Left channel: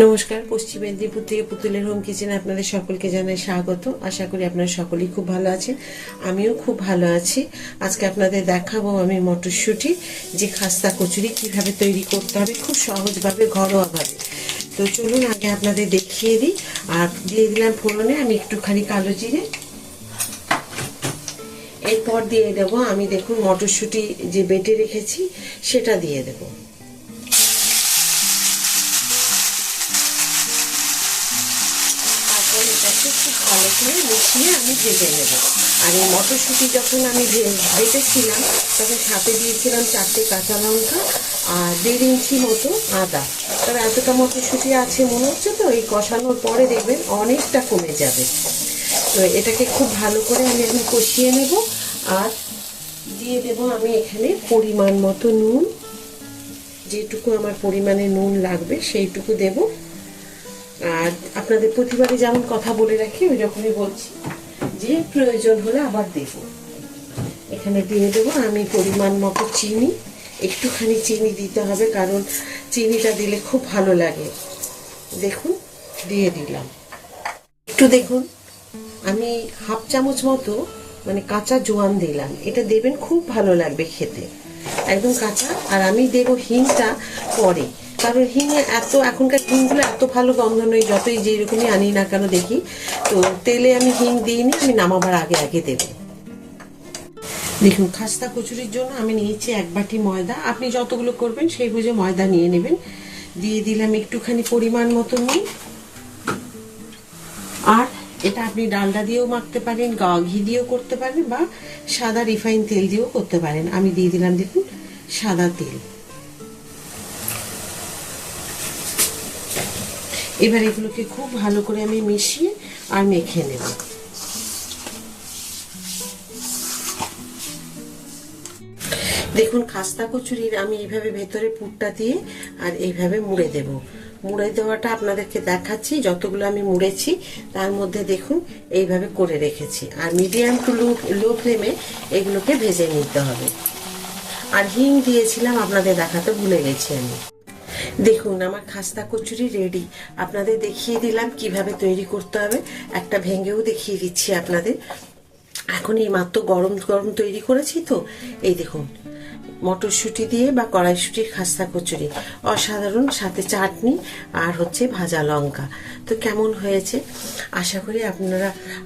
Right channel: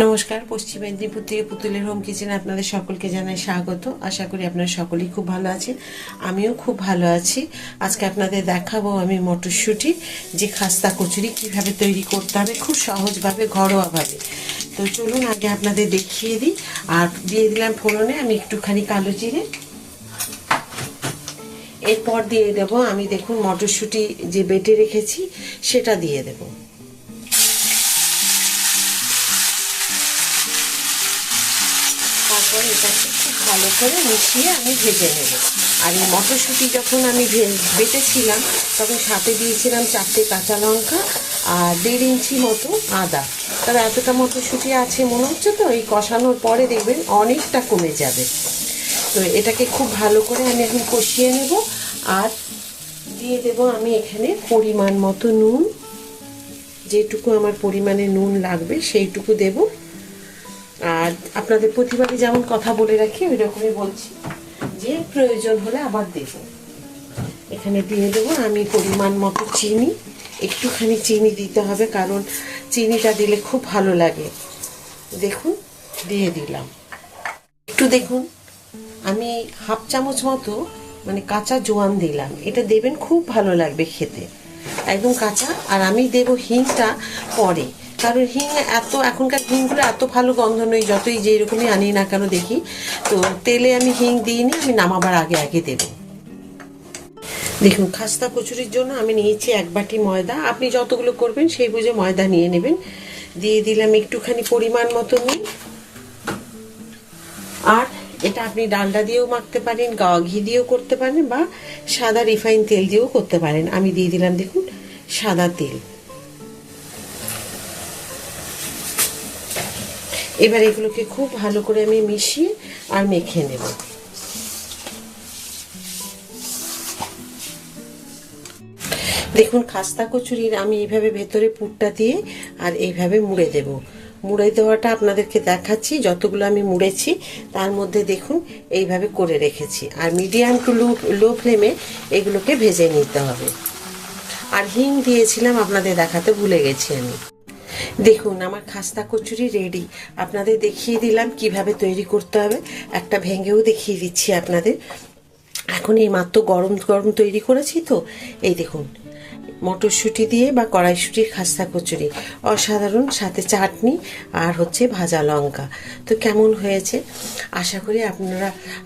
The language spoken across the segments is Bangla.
নমস্কার, পশ্চিম মেদিনীপুর থেকে পুতুলের হোম কিচেনে আপনাদের সকলকে জানাই স্বাগত। আশা করি আপনারা সকলেই খুব ভালো আছেন, আমিও খুব ভালো আছি। আজকে আপনাদের দেখাবো আমি মটরশুঁটি যে খাস্তা কচুরি কিভাবে তৈরি করতে হবে খুব সহজভাবে, ঘরোয়াভাবে। তো চলুন আগে আপনাদের দেখিয়ে দিই। আর দিয়ে দিলাম ফোড়নে আমি একটুখানি কালো জিরে। এরপর দিয়ে দেবো আমি, দেখুন, মটরশুঁটি যে বেটে রেখেছি সেটা দিয়ে দেবো। এটাকে খুব ভালো করে মিশিয়ে আমি ভেজে নেব। আর এই মটরশুঁটি যখন আমি বেটেছিলাম তখন সাথে দিয়েছিলাম 4টে কাঁচা লঙ্কা আর 1.5 ইঞ্চি মতো আদা। তার এতটা মটরশুঁটি আছে মনে হচ্ছে, তো এই কষানোর পরে দেখবেন অনেকটা কমে যাবে। তো এটাকে খুব ভালো করে আমি এখন কষিয়ে নেব। আর দিয়ে দেব আমি এখানে পরিমাণ মতো নুন, যেটুকু আমার পরিমাণে নুন লাগবে সেইটুকু দেব। আর আপনাদের প্রতিবারে যেমন কথা বলে রাখি ওই রকমই বলছি, যে প্রয়োজন হলে আবার দেব। এখানে দিয়ে দেবো আমি পরিমাণ মতো চিনি। একটুখানি চিনি দিতে হবে, কারণ চিনিটা দিলে খুব ভালো লাগে। দেখুন, দিয়ে দিলাম। একটু দেখুন, আমি 1/2 চামচ মতো মানে কাঁচা জোয়ান দিলাম। এটা দেবেন, খুব ভালো লাগবে খেতে, একদম কাঁচা। আর আমি দেব হিংটা পরে, কারণ হিং এখনকার হিংগুলো এত ভালো গন্ধ নয়, যতই যেই রকমই আনি না কেন দেখি। তো তেলে আমি হিং দিইনি, আমি নামাবার আগে আগে দেব। দেখুন, খাস্তা কচুরির জন্য আমি নিয়েছি 1 বাটি ময়দা। আপনি যতগুলো করবেন সেই বুঝে ময়দা নিয়ে নেবেন। দিয়ে দিলাম একটুখানি পরিমাণ মতো নুন। আর এটা আপনি ডালডা দিয়েও মাখতে পারেন, ঘি দিয়েও করতে পারেন, বা সাদা রিফাইন তেল দিয়েও করতে পারেন। আমি দিয়ে দিলাম, দেখুন, সাদা তেল। এবার এগুলোকে খুব ভালো করে আমি মিশিয়ে আর মেখে নেব। দেখুন, খাস্তা কচুরির আমি এইভাবে ভেতরে পুরটা দিয়ে আর এইভাবে মুড়ে দেব। মুড়ে দেওয়াটা আপনাদেরকে দেখাচ্ছি। যতগুলো আমি মুড়েছি তার মধ্যে দেখুন এইভাবে করে রেখেছি। আর মিডিয়াম টু লো ফ্লেমে এগুলোকে ভেজে নিতে হবে। আর হিং দিয়েছিলাম, আপনাদের দেখাতে ভুলে গেছি আমি। দেখুন, আমার খাস্তা কচুরি রেডি। আপনাদের দেখিয়ে দিলাম কিভাবে তৈরি করতে হবে, একটা ভেঙেও দেখিয়ে দিচ্ছি আপনাদের। এখন এই মাত্র গরম গরম তৈরি করেছি, তো এই দেখুন, মটরশুঁটি দিয়ে বা কড়াইশুঁটির খাস্তা কচুরি অসাধারণ, সাথে চাটনি আর হচ্ছে ভাজা লঙ্কা। তো কেমন হয়েছে? আশা করি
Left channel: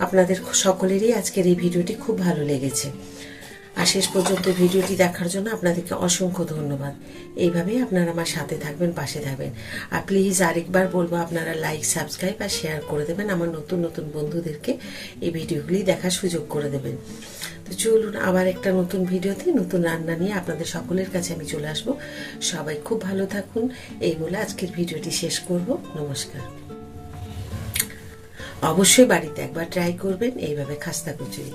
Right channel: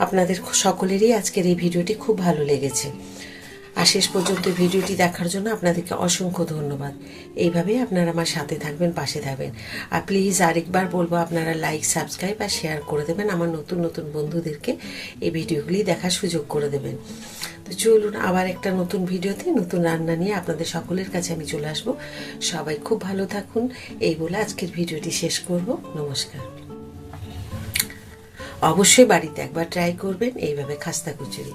আপনাদের সকলেরই আজকের এই ভিডিওটি খুব ভালো লেগেছে। আর শেষ পর্যন্ত ভিডিওটি দেখার জন্য আপনাদেরকে অসংখ্য ধন্যবাদ। এইভাবেই আপনারা আমার সাথে থাকবেন, পাশে থাকবেন। আর প্লিজ আরেকবার বলবো, আপনারা লাইক, সাবস্ক্রাইব আর শেয়ার করে দেবেন। আমার নতুন নতুন বন্ধুদেরকে এই ভিডিওগুলি দেখার সুযোগ করে দেবেন। তো চলুন, আবার একটা নতুন ভিডিওতে নতুন রান্না নিয়ে আপনাদের সকলের কাছে আমি চলে আসবো। সবাই খুব ভালো থাকুন, এই বলে আজকের ভিডিওটি শেষ করব। নমস্কার। অবশ্যই বাড়িতে একবার ট্রাই করবেন এইভাবে খাস্তা কচুরি।